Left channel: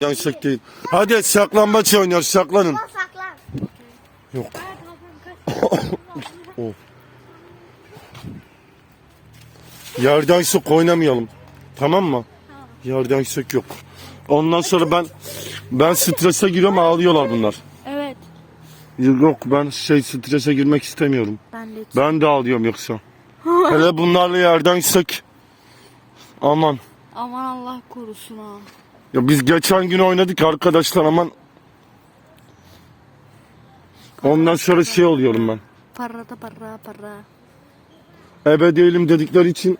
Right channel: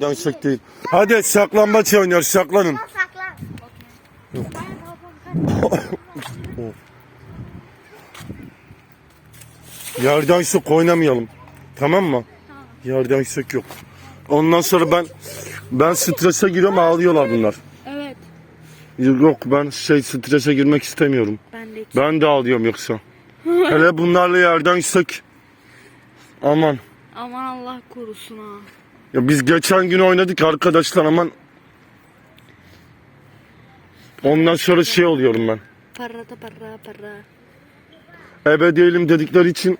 Yansık değil. Hadi saklambaç oynuyor saklanın. Saklan. Yok. Oh. Yerden sık oynamayalım. Tamam mı? Yerden sık yok. Ondan sonra ben ben strese giriyorum ağlıyorlar bunlar. Evet. Yok ben şey strese girmek istemiyorum. Ben de. Ben de ağlıyorum yoksa. Hele bunlarla yerden sık. Aman. Aman Allah korusun ha. Ya biz geçen gün oynadık arkadaşlar aman. Ondan sonra şey oluyorum ben. Para da para para. Ebe değilim dedikleri için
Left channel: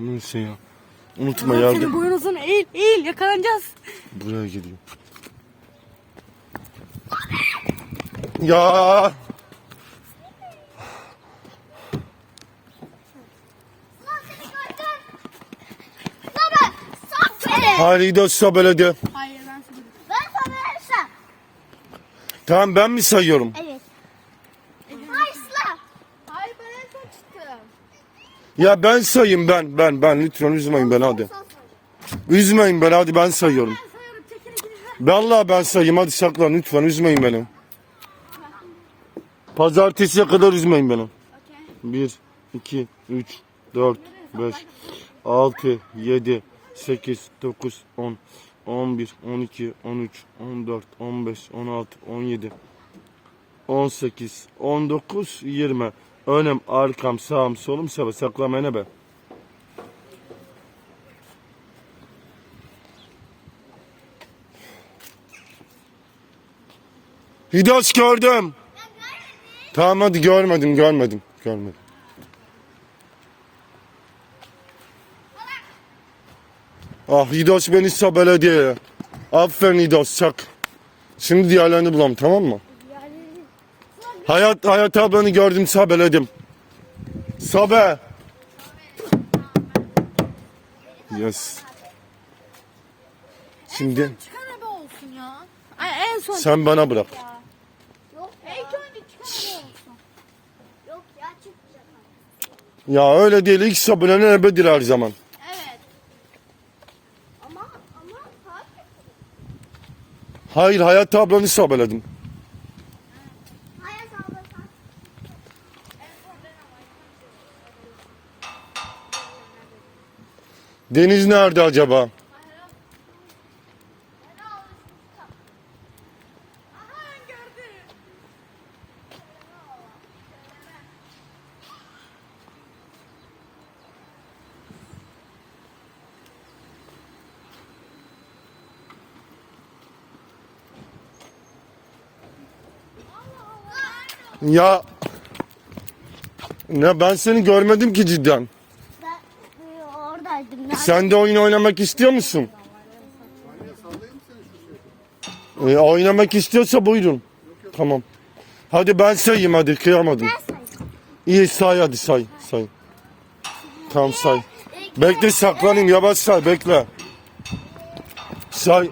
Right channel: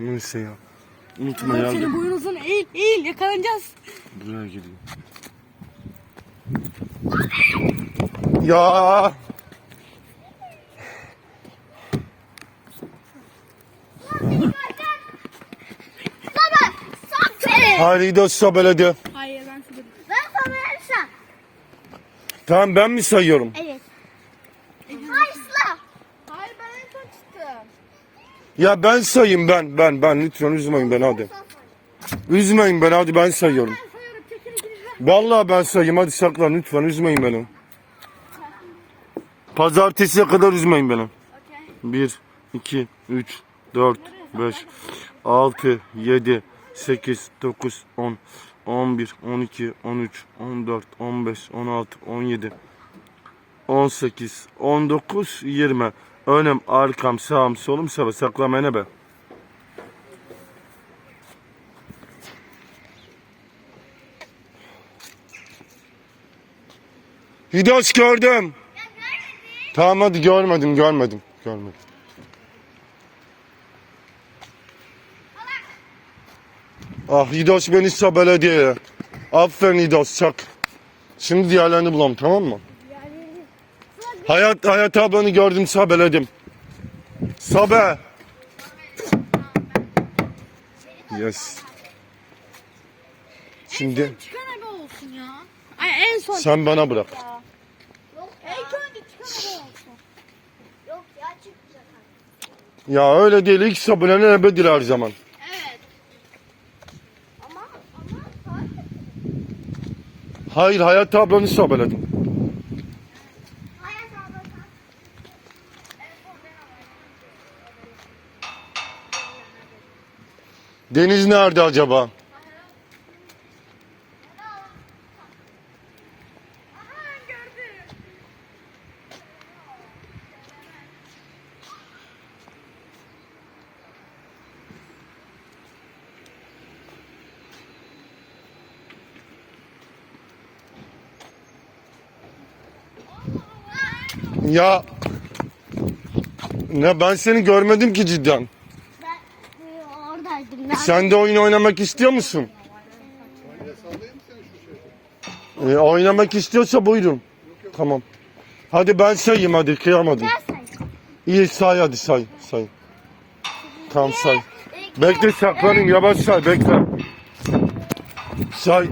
Neyse ya. Unutma Senin yardım. boynuzun eğil eğil yakalanacağız. Buraya geliyor. Ya. Sok beni. Haydi belediye. Hayır ben size. Ben sana versem. Tamam ben mi sayıyorum? Evet. Hayır sıla. Hayır ben en son çıktım. Ya ben sayayım ben ben ben lütfen üzmeyin beni hadi. Üzmeyin beni hadi ben sayıyorum. Ben sayıyorum. Vallahi ben sayayım hadi saklan lütfen üzmeyin beni. Pazartesiye kadar üzmeyin beni. 1, 2, 3, 4, 5, 6, 7, 8, 9, 10, 11, 12, 13, 14, 15, 16, 17, 18, 19, 20. Önüm, arkam, sağım, solum, sağ saklamaya ne be? Hidos gördüm. Tamam hadi görmedim görmedim görmedim. Ah Hidos beni sabeledi ya. Aferin Hidos çak. Şimdi diğerlerini bulalım tamam mı? Hayat Hayat ablanı gördüm sabeledim. Sabe. Yes. Şimdi Çıkan abi olsun ya. Ay en son. sen bana bırak. Yok İlk önce çıkan abi olsun. Yok ya öyle değil ilk sabunanın ebedir her zaman. Evet. Ama ama saat Hayır Hayat ablanı sabeledim. Hayat abla saat. En son ben Deniz nerede acaba? Ya ya ben seni görmedim ki cidden. Ben e, oradaydım ya. Sen de oyun oynamak istiyor musun? Ee, oynamak istiyorsa buyurun. Tamam. Hadi ben sayayım hadi kıyamadım. Ben sayayım. İyi say hadi say say. Tamam say. Bekle saklanayım yavaş say bekle. Say.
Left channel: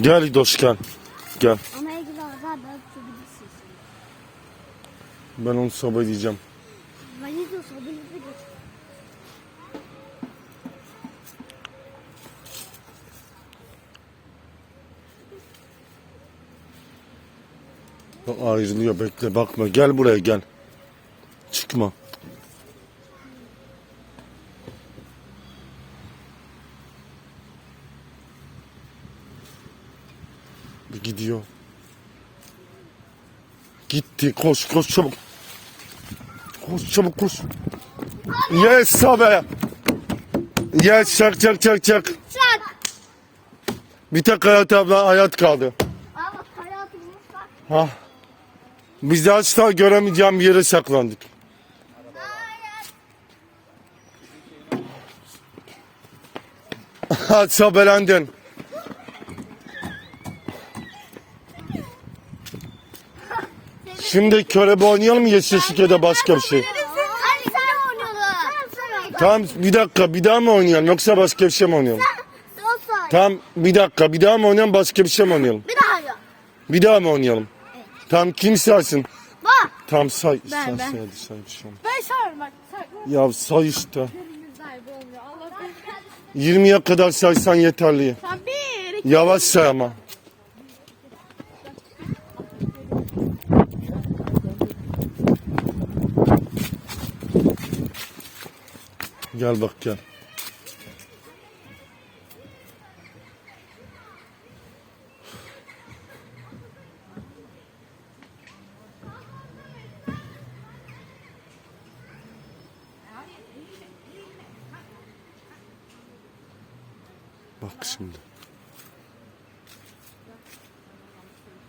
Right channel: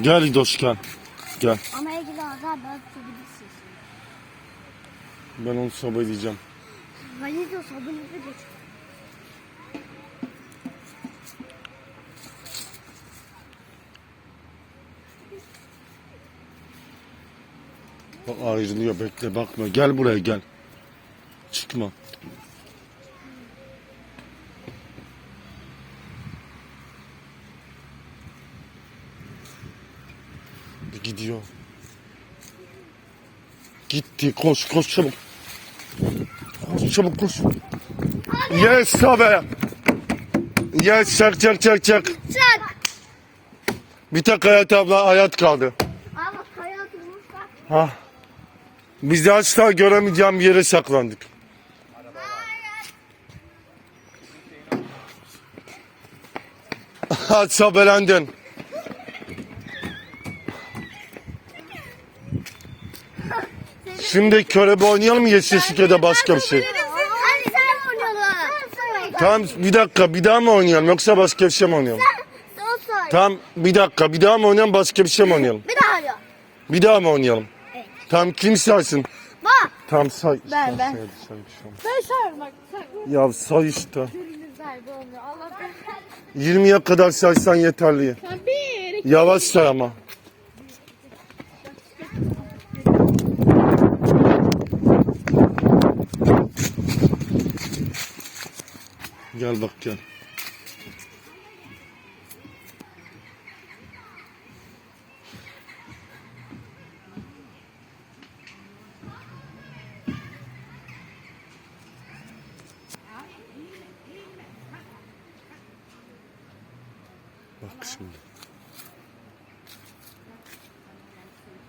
Gel dost gel. Gel. Ama ilgili azar da atabilirsiniz. Ben onu sabah edeceğim. Valido sabunlu geç. Bak ayrılıyor bekle bakma gel buraya gel. Çıkma. Gidiyor. Gitti koş koş çabuk. Koş çabuk koş. Yes sabe. Yes çak çak çak çak. Çak. Bir tek hayat abla hayat kaldı. Ama hayatımız bak. Ha. Biz asla göremeyeceğim yere saklandık. Ha sabelendin. Şimdi körebe oynayalım mı ya da başka bir şey? Hadi sen oynayalım. Tamam bir dakika bir daha mı oynayalım yoksa başka bir şey mi oynayalım? Son say. Tamam bir dakika bir daha mı oynayalım başka bir şey mi oynayalım? Bir daha arıyor. Bir daha mı oynayalım? Evet. Tam kim saysın? Bak. Tam say. Ben, say, ben. say, hadi say bir şey. Ben sana bak. Sen Ya say işte. gönlünüz sahibi olmuyor. Allah ben. 20'ye kadar saysan yeterli. Sen bir, iki, Yavaş say ama. Gel bak gel. Bak şimdi.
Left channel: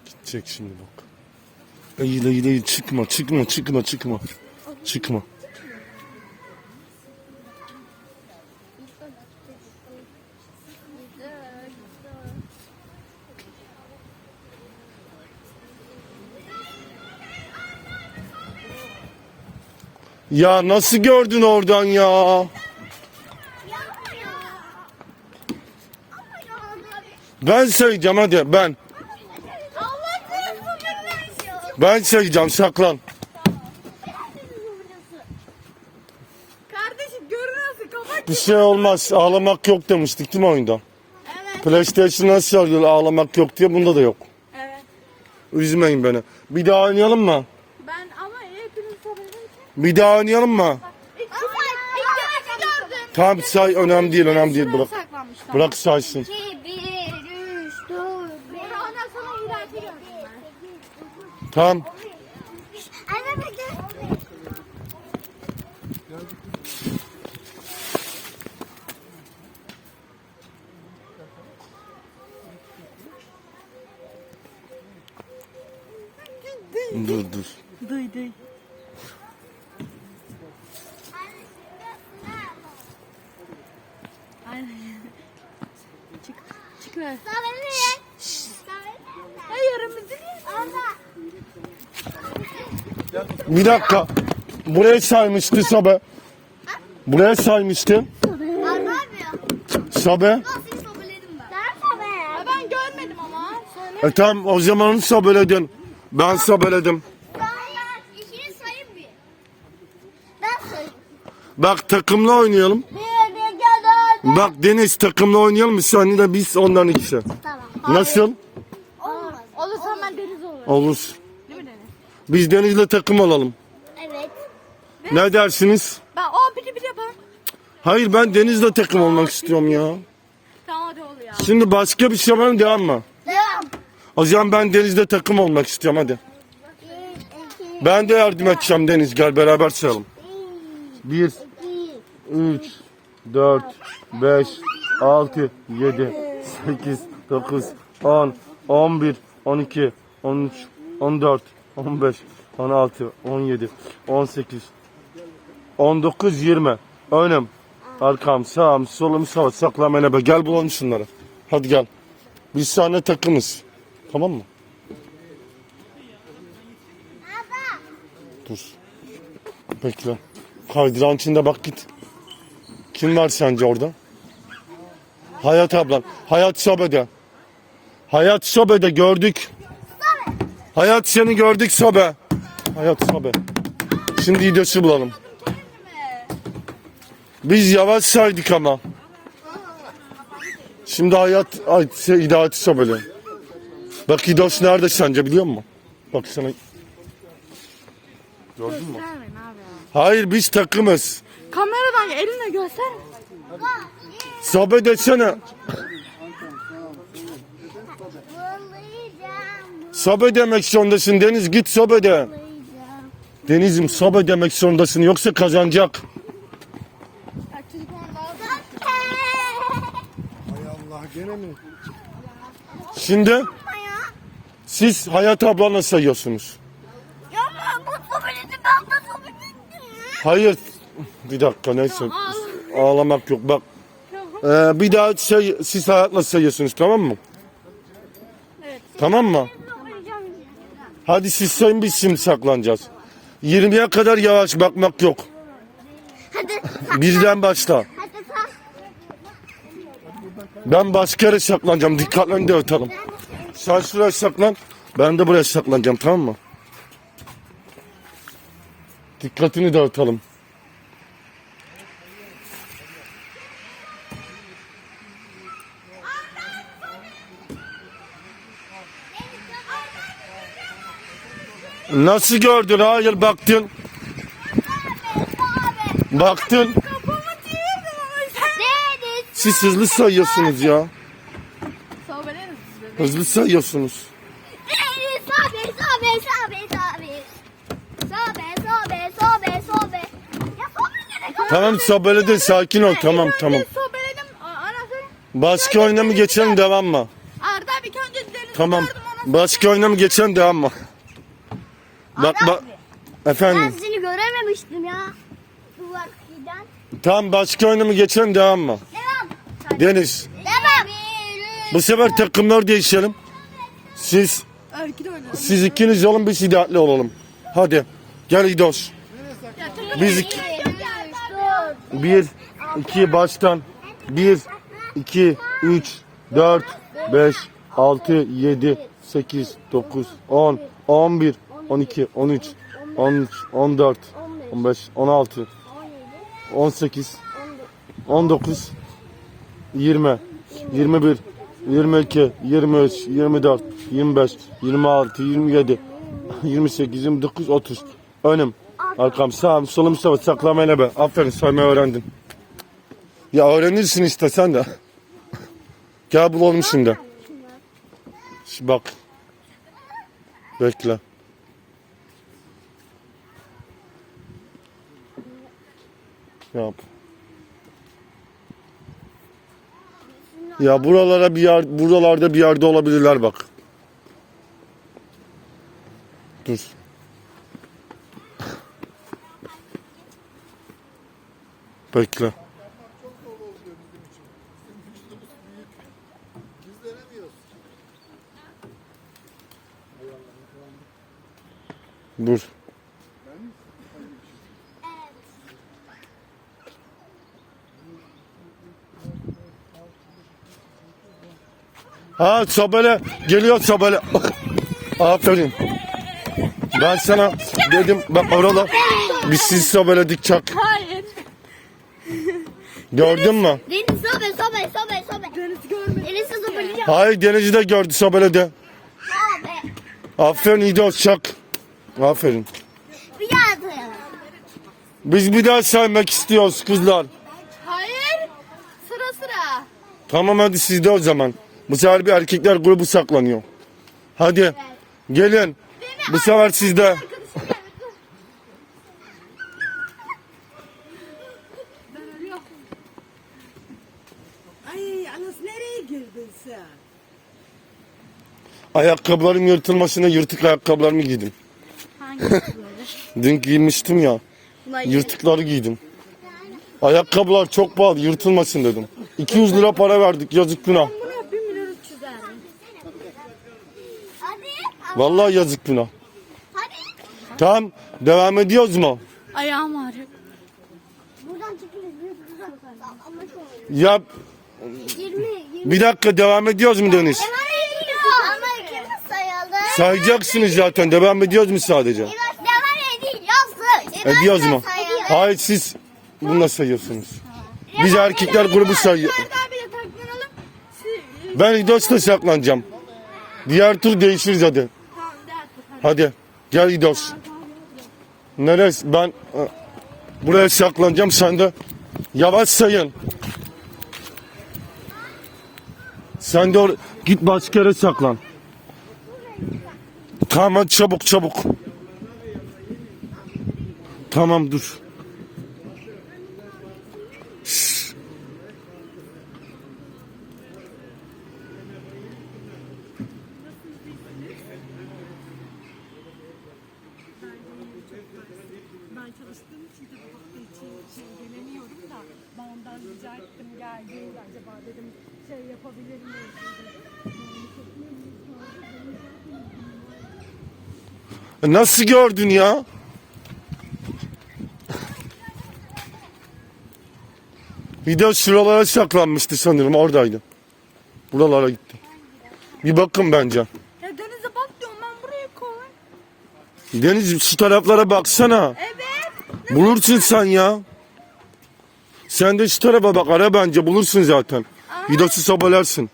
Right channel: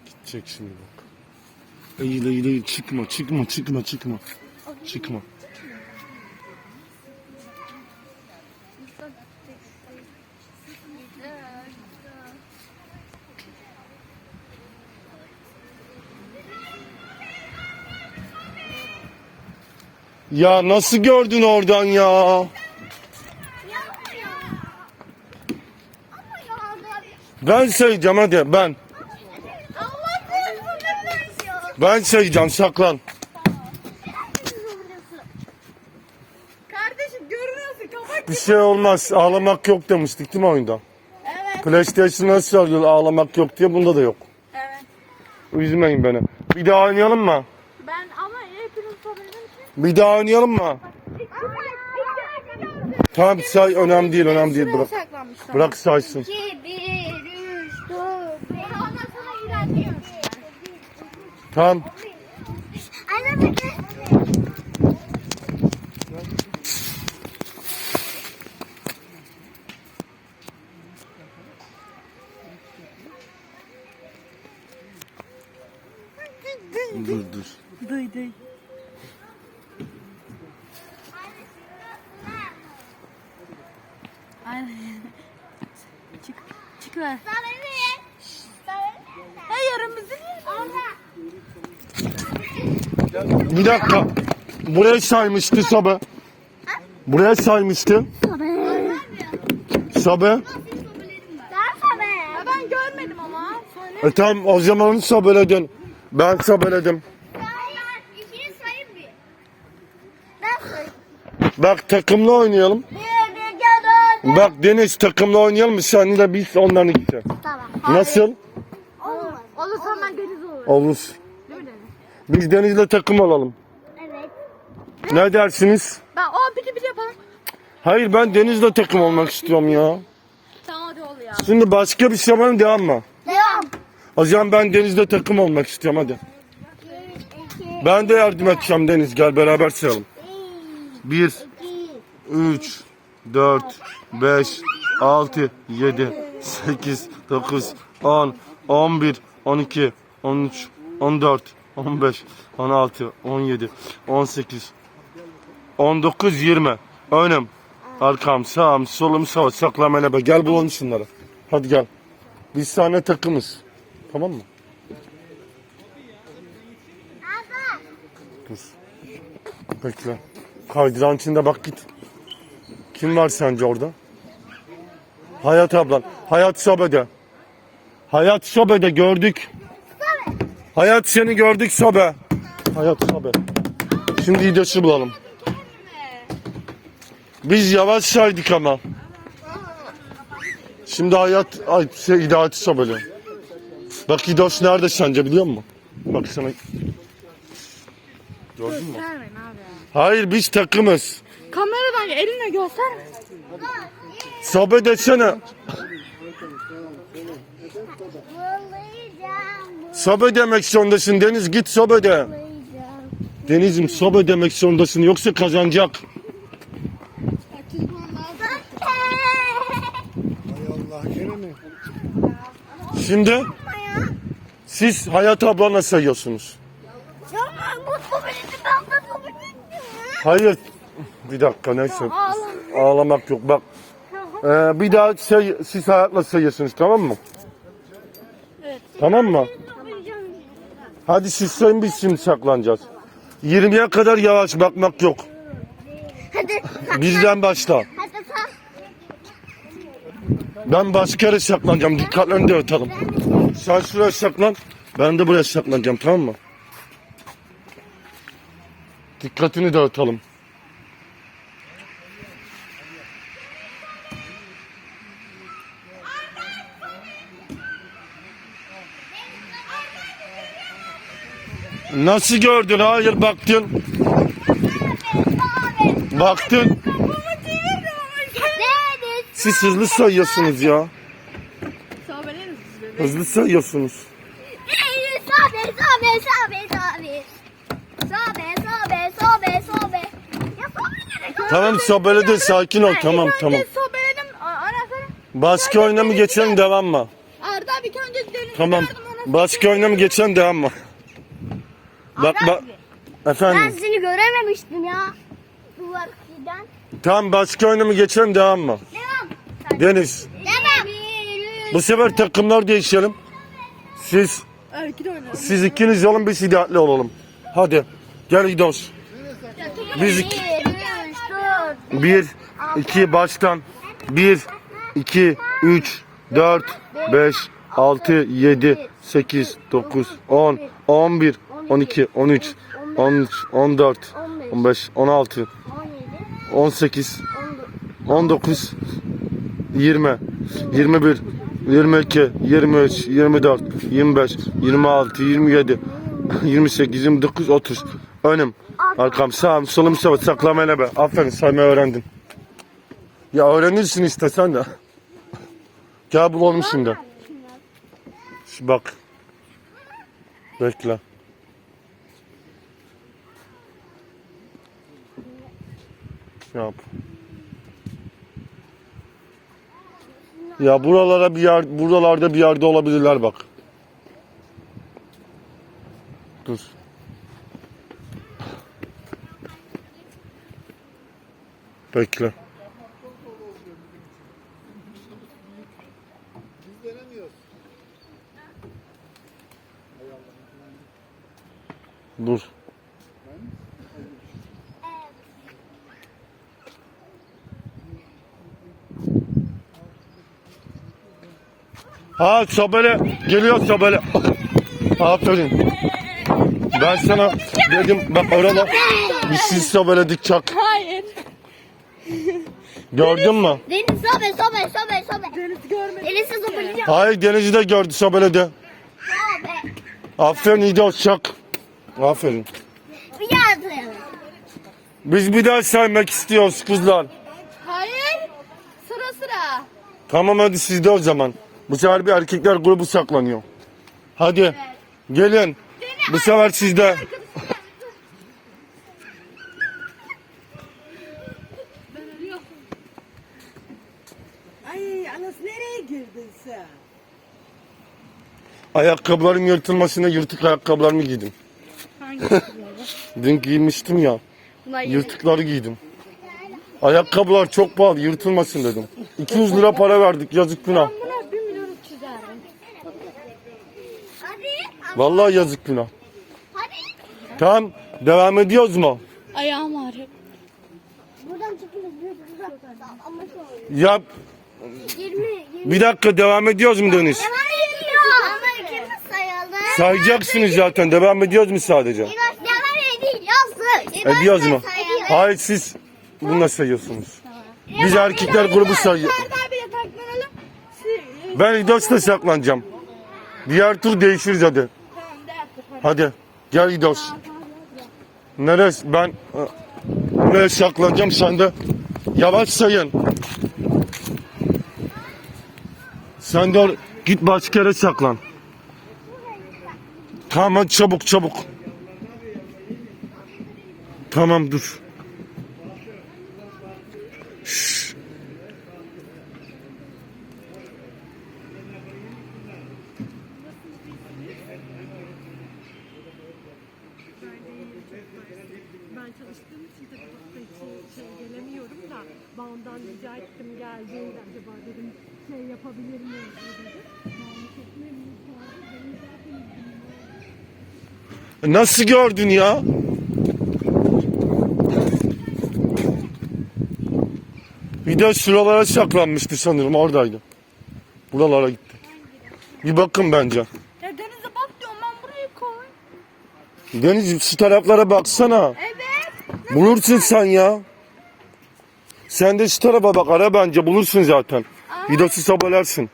Gidecek şimdi bak. Eğil eğil eğil çıkma çıkma çıkma çıkma. Çıkma. Ya nasıl gördün oradan ya? Ben sayacağım hadi ben. Ben sayacağım saklan. Kardeşim görünüyorsun. Kapat. Bir şey olmaz ağlamak yok demiştik değil mi oyunda? Evet. PlayStation nasıl söylüyor ağlamak yok diye bunda da yok. Evet. Üzmeyin beni. Bir daha oynayalım mı? Ben ama hepiniz sorabilirim ki. Bir daha oynayalım mı? Tamam say önemli değil önemli değil bırak. Bırak saysın. 2, 1, 3, 4, 5, ondan sonra bırakıyorum. Tamam. Dur dur. Duy duy. Çık. Çık lan. Sarılıyor. Sarılıyor. Ya yarın bizi Orada. Bir dakika. Buraya saymıştı Sabe. Buraya saymıştı. Sabe. Ben? Görmedim ama. E tamam o zaman sabeledin. Ben sabeledim. Hayır. İkini sayayım bir. Ben sayayım. Bak takımla oynayalım. Bir, bir, iki, dört. Bak Deniz takımla oynayalım mı? Sen de biz ondan ikisi. Tamam. Nasıl? Olmaz. Olursa ben deniz olur. Olur. Biz Deniz'le takım alalım. Evet. Ne dersiniz? Ben o peki bir yapalım. Hayır ben Deniz'le takım olmak istiyorum ya. Tamam hadi ol ya. Şimdi başka bir şey mı devam mı? Devam. O zaman ben Deniz'le takım olmak istiyorum hadi. Ben de yardım edeceğim Deniz gel beraber sayalım. bir, 1, iki, 3, 4, 5, 6, 7, 8, 9, 10, 11, 12, 13, 14, 15, 16, 17, 18, 19, 20. Önüm, arkam, sağım, solum, sağ, saklam, enebe. Gel bulalım şunları. Hadi gel. Biz sana takımız. Tamam mı? Dur. Bekle. Kaydıran içinde bak git. Kim var sence orada? Hayat ablan. Hayat Sobe'de. Hayat Sobe'de gördük. Hayat seni gördük Sobe. Hayat Sobe. Şimdi İdes'i bulalım. Biz yavaş saydık ama. Şimdi hayat ay, şey, İda'yı Sobe'li. Bak İdos nerede sence biliyor musun? Bak sana. Gördün mü? Hayır biz takımız. Kameradan elinle göster. Sobe desene. Bulayacağım. Sobe demek zorundasın Deniz git sobe de. Bulayacağım. Deniz'im sobe demek zorundasın yoksa kazanacak. Şimdi siz Hayat ablanla sayıyorsunuz. Hayır. Bir dakika neyse. Ağlamak yok bak. Ee, bir daha şey, siz hayatla sayıyorsunuz tamam mı? Evet. Tamam mı? Hadi siz sayın biz şimdi saklanacağız. 20'ye kadar yavaş bakmak yok. Hadi. Birden başla. Ben başka yere saklanacağım. Dikkatlerini de atarım. Sen şuraya saklan. Ben de buraya saklanacağım tamam mı? Dikkatini dağıtalım. Nasıl gördün? Hayır baktın. Baktın. Siz hızlı sayıyorsunuz ya. Hızlı sayıyorsunuz. Tamam sabele de sakin ol tamam tamam. Başka oyuna mı geçelim devam mı? Arda bir önce Tamam. Başka oyuna mı geçelim devam mı? Bak bak. Ben Efendim. seni görememiştim ya. Duvar giden. Tamam başka oyuna mı geçelim devam mı? Devam. Deniz. Devam. Bu sefer takımlar değişelim. Siz siz ikiniz olun biz hidayetli olalım. Hadi. Gel gidiyoruz. Biz iki- bir, iki baştan. Bir, iki, üç, dört, beş, altı, yedi, sekiz, dokuz, on, on bir, on iki, on üç, on üç, on dört, on beş, on altı, 17, 18, 19, 20, 21, 22, 23, 24, 25, 26, 27, 28, 29, 30. Önüm, arkam, sağım, solum, sağım, saklamayla be. Aferin saymayı öğrendin. Ya öğrenirsin işte sen de. Gel bulalım. Şimdi bak. Bekle. Yap. Ya buralara bir yer, buralarda bir yerde olabilirler bak. Dur. Bekle. Dur. Ha sobele geliyor sobele. Aferin. Ben sana dedim bak orada biz siz sobeledik çak. Hayır. Gördün mü? Deniz sobe sobe sobe sobe. Deniz görmedim. Deniz'i sobeleyeceğim. Hayır Deniz'i de gördü sobeledi. Sobe. Aferin İdos çak. Aferin. Bir atlayalım. Biz bir daha saymak istiyoruz kızlar. Hayır. Sıra sıra. Tamam hadi siz de o zaman. Bu sefer bir erkekler grubu saklanıyor. Hadi gelin. Bu sefer sizde. Ay Anas nereye girdin sen? Ayakkabıların yırtılmasına yırtık ayakkabılarımı giydim. Dün giymiştim ya. Bunlar Yırtıkları giydim. Ayakkabılar çok pahalı yırtılmasın dedim. 200 lira para verdik yazık günah. Buna 1 milyon 300 verdim. Hadi. Vallahi yazık. Hadi. Tamam devam ediyoruz mu? Ayağım ağrıyor. Buradan çıkıyoruz. Buradan. Ama şöyle. Ya 20. 20. bir dakika devam ediyoruz mu sayalım. Sayacaksınız zaten devam ediyoruz mu sadece? Devam ediyorsun. Ediyoruz mu? Hayır siz bununla sayıyorsunuz. Biz erkekler grubu sayıyor. Arda abiyle taklanalım. Siz- Ben İdos'ta saklanacağım. Diğer tur değişiriz hadi. Hadi gel İdos. Neresi? Ben e, buraya saklanacağım sen de yavaş sayın. Sen de git başka yere saklan. Tamam hadi çabuk çabuk. Tamam dur. Şşş. Ben çalıştığım için de bu hafta içi şey gelemiyorum da babamdan rica ettim geldiğinde acaba dedim şey yapabilir miyim dedi. Yani çekmem mi? Benim zaten iznim var. Nasıl gördün ya? De şuralara saklanmıştı sanırım oradaydı. Buralara gitti. Bir bakın bence. Ya denize bak diyorum ben Deniz şu taraflara baksana. Evet. Bulursun sen ya. Sen de şu tarafa bak ara bence bulursun zaten. Şu sobalersin.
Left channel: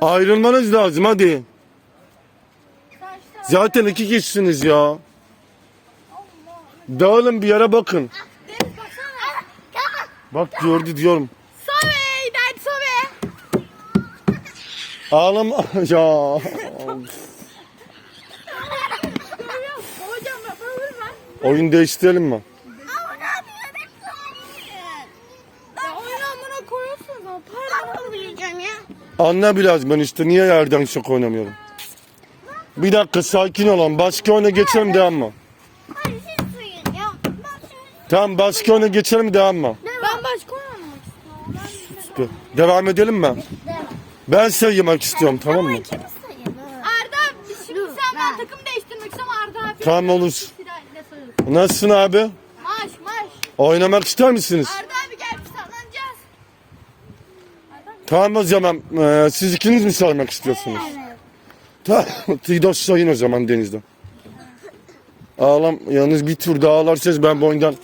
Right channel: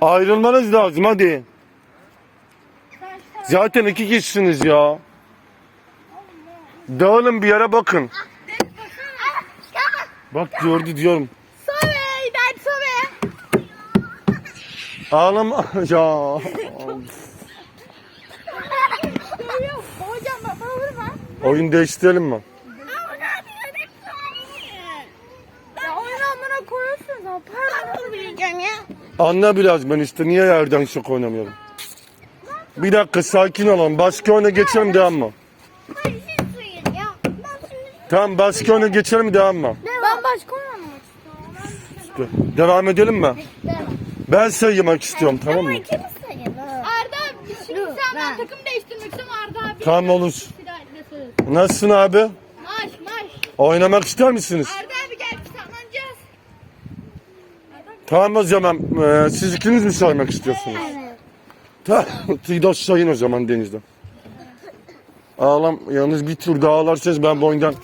Ayrılmanız lazım hadi. Zaten iki kişisiniz ya. Dağılın bir yere bakın. Bak gördü diyorum. Soley ben Soley. Ağlama ya. Oyun değiştirelim mi? Anla biraz ben işte niye yerden şok oynamıyorum. Bir dakika sakin olun. Başka oyuna geçelim devam mı? Hayır siz suyun ya. Ben şimdi Tamam başka oyuna geçelim devam mı? Ben başka oyun oynamak istiyorum. Devam edelim mi? Ben saymak istiyorum tamam mı? İkimiz sayalım. Arda abi şimdi Dur, sen ben takım değiştirmek istiyorum Arda abi. Tamam olur. Soruyorsun. Nasılsın abi? Maş maş. Oynamak ister misiniz? Arda abi gel biz saklanacağız. Tamam o zaman Ee, siz ikiniz mi saymak istiyorsunuz? Tamam. Tidos sayın o zaman denizde. Ağlam yalnız bir tur daha ağlarsanız ben bu oyundan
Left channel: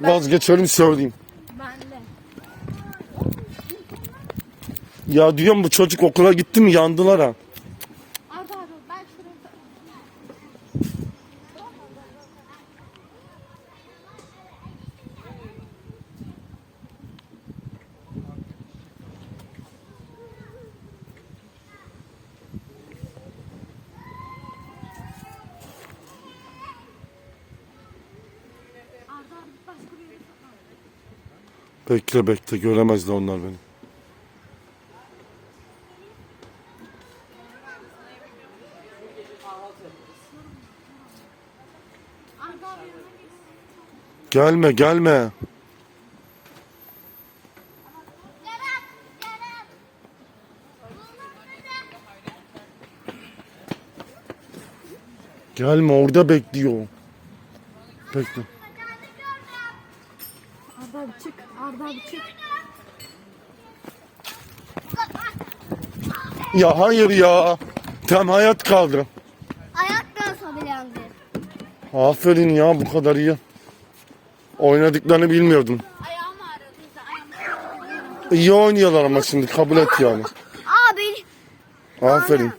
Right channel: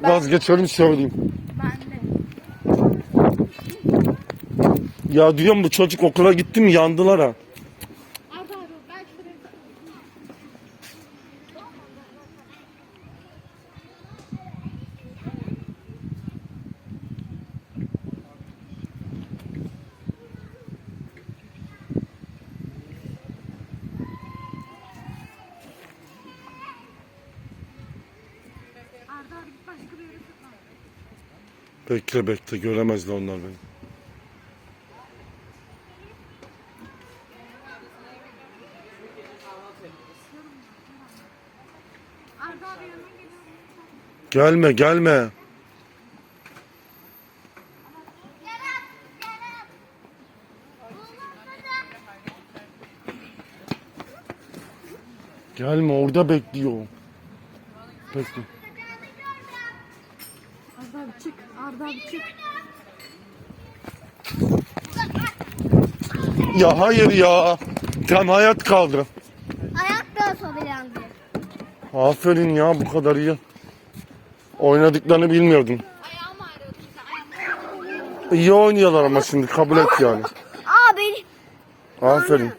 vazgeçerim söyleyeyim. Ya diyorum bu çocuk okula gitti mi yandılar ha. Arda abi ben şuraya Arda abi başka bir yere saklan. Bekle bekle göremezler onlar beni. Gelme gelme. Gelme orada bekliyor. Bekle. Arda abi çık. Arda abi çık. Ya hayır ya. Tam hayat kaldı. Ayak da sobilendi. Aferin ya bu kadar iyi. Oynadıklarını bilmiyordum. Ayağım ağrıyordu. İyi oynuyorlar ama şimdi kabul et yani. Aa beni. Aferin.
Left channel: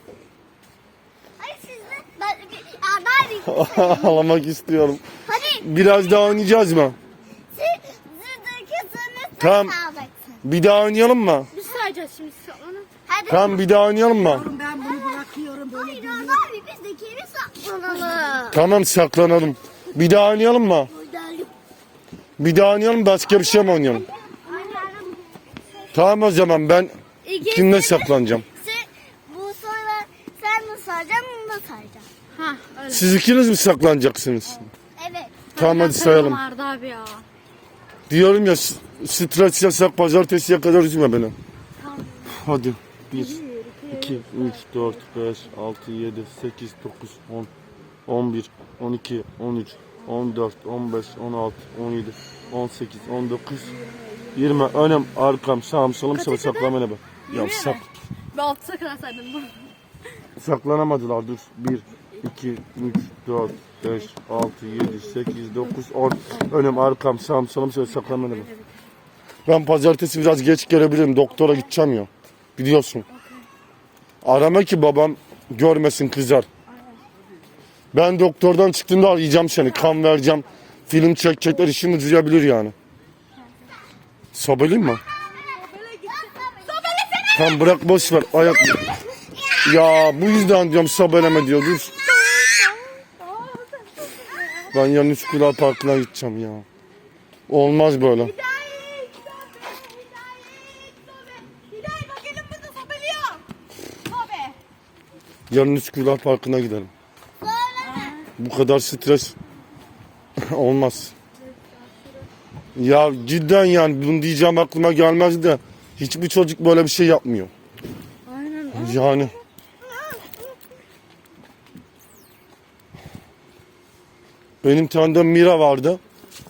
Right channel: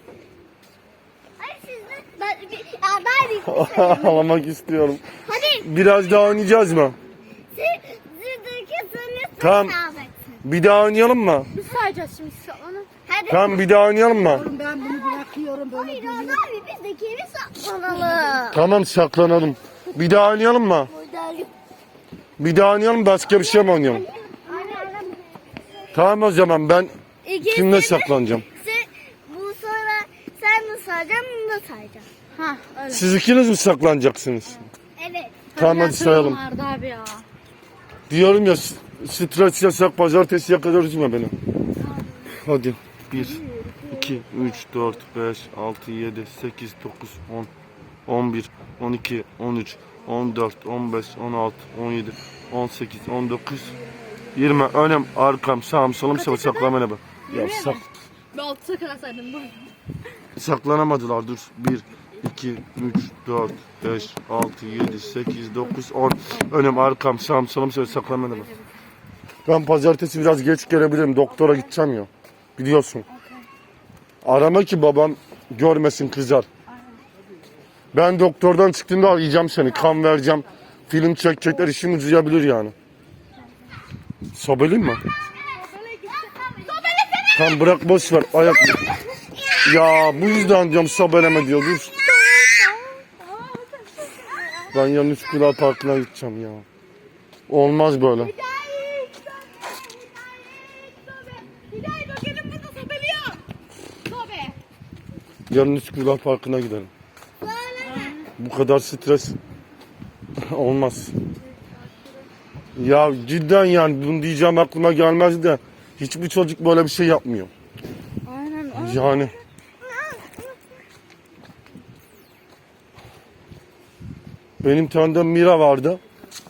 Hayır siz de. Ben, bir, ya ben Ağlamak istiyorum. Hadi Biraz daha oynayacağız mı? Tamam. Bir daha oynayalım mı? Biz sayacağız şimdi saklanın. Hadi. Tamam bir daha oynayalım mı? Hayır Arda abi biz de geri saklanalım. Tamam saklanalım. Bir daha oynayalım mı? Bir daha oynayalım başka bir şey mi oynayalım? Tamam o zaman ben İkisi kimle saklanacağım? Sen, bu sonra sen mi sayacaksın bunu da sayacaksın. Ha öyle. Siz ikiniz mi saklanacaksınız? Evet. Tamam hadi sayalım. Arda abi ya. Diyorum ya s- stres yasak pazartesiye kadar üzme beni. Hadi. 1, 2, 3, 4, 5, 6, 7, 8, 9, 10, 11, 12, 13, 14, 15, 16, 17, 18, 19, 20. Önüm, arkam, sağım, solum, sıvı saklamana bak. Ya sak, Ben altısa kadar saydım. Dur. saklanamadılar dur. 1, 2, 3, 4, 5, 6, 7, 8, 9, 10. Önüm, arkam, sağım, solum, sıvı saklamana bak. Ben pazartesi biraz geç gelebilirim. Doktora gideceğim ya. Biliyorsun. Arama ki babam görmesin kızar. Ben doktordan çıktığımda arayacağım seni. Kan vereceğim. Film çekecekler işimi düzeyebilir yani. Sobelim mi? Tamam bırak boş ver. Ayak. Ya bu yüzden diyorum sobeleme diyor. Dur. Ben yarın Üsküdar Parkı'na gideceğim ya. Olmaz böyle. Yarın Üsküdar Parkı'na gidelim. Bu kadar stres olmaz. Ya cidden yani bunu diyeceğim aklıma gelmez de hiçbir çocuk böyle bir şey yapmıyor. Aynen. Yani benim tanıdığım Mira vardı.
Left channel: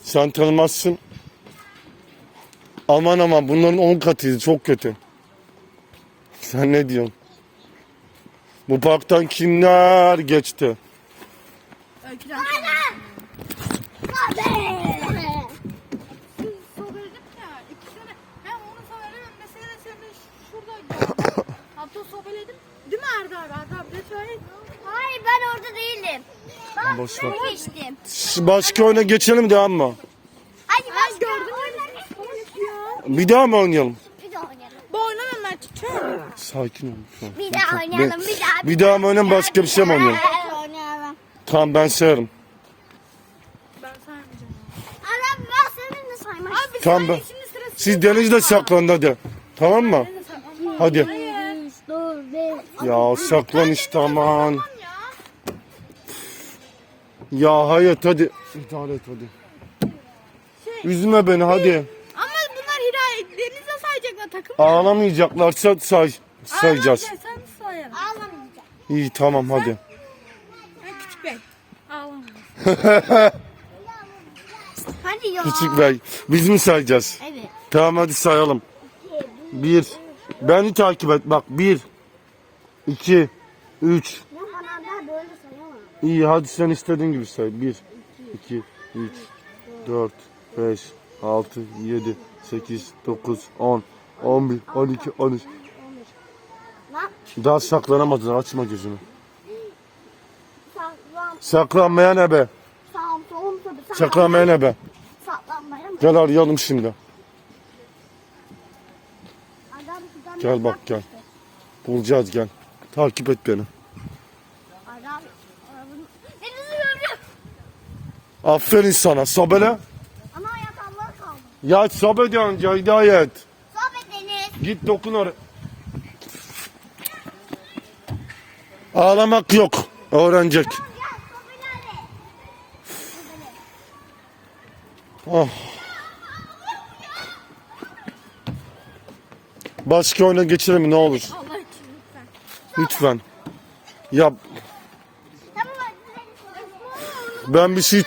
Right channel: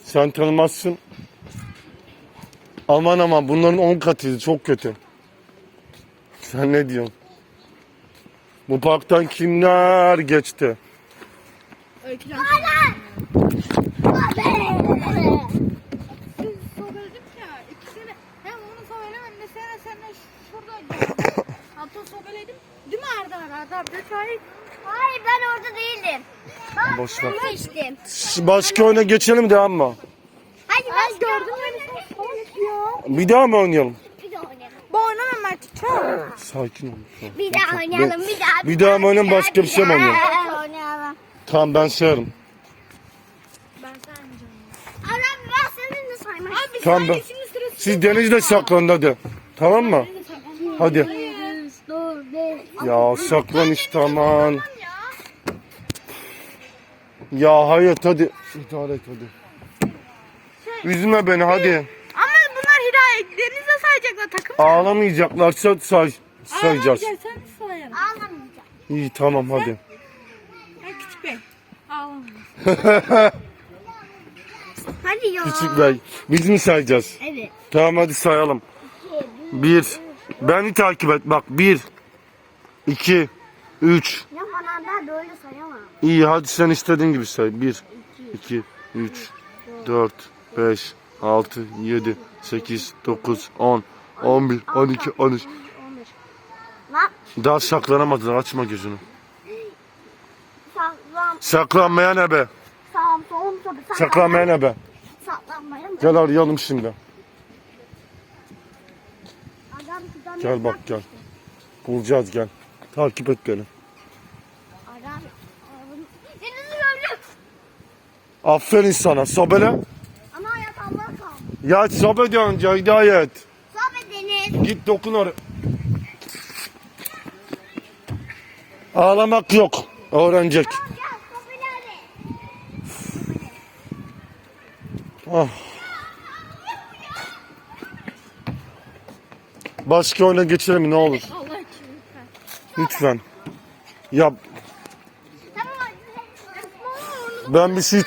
Sen tanımazsın. Aman aman bunların 10 katıydı çok kötü. Sen ne diyorsun? Bu parktan kimler geçti? Ben. Değil mi Arda Arda? Arda çay. Hayır ben orada değildim. Ben Boş ver. ben geçtim. Başka oyuna geçelim devam mı? Hadi mü? oynayalım. Bir daha mı oynayalım. Ben çok. Sakin ol. Bir daha oynayalım. Bir daha. Bir daha mı oynayalım başka bir şey mi oynayalım? Tamam ben sayarım. Adam ben senin de saymak istiyorum. Tamam ben. Siz denizde saklanın hadi. Tamam mı? Hadi. Ya saklan işte aman. Ya hayat hadi. İdare et hadi. Üzme beni hadi. Sayacaklar takım. Ağlamayacaklarsa say sayacağız. Sen sayarım. Ağlamayacağım. İyi tamam hadi. Ya küçük bey. Ağlama. Hadi ya. Küçük bey biz mi sayacağız? Evet. Tamam hadi sayalım. Bir. Beni takip et bak. Bir. iki, Üç. Ya bana ben böyle sayamam. İyi hadi sen istediğin gibi say. Bir. iki, Üç. Dört. Beş. Altı. Yedi. Sekiz. Dokuz. On. On bir. On iki. On üç. Lan Daha saklanamadılar. Açma gözünü. saklan, Saklanmaya ne be? sağım, solum. Saklanmaya ne be? Saklanmaya mı? Gel arayalım şimdi. Adam Gel bak gel. Bulacağız gel. Takip et beni. Adam, Denizi gördüm. Aferin sana. Sobele. Ama hayat Allah kaldı. Ya sobe de önce hidayet. Git dokun oraya. Ağlamak yok. Öğrenecek. Oh. Başka oyuna geçelim mi ne olur? Allah için lütfen. Lütfen. Ya ben bir şey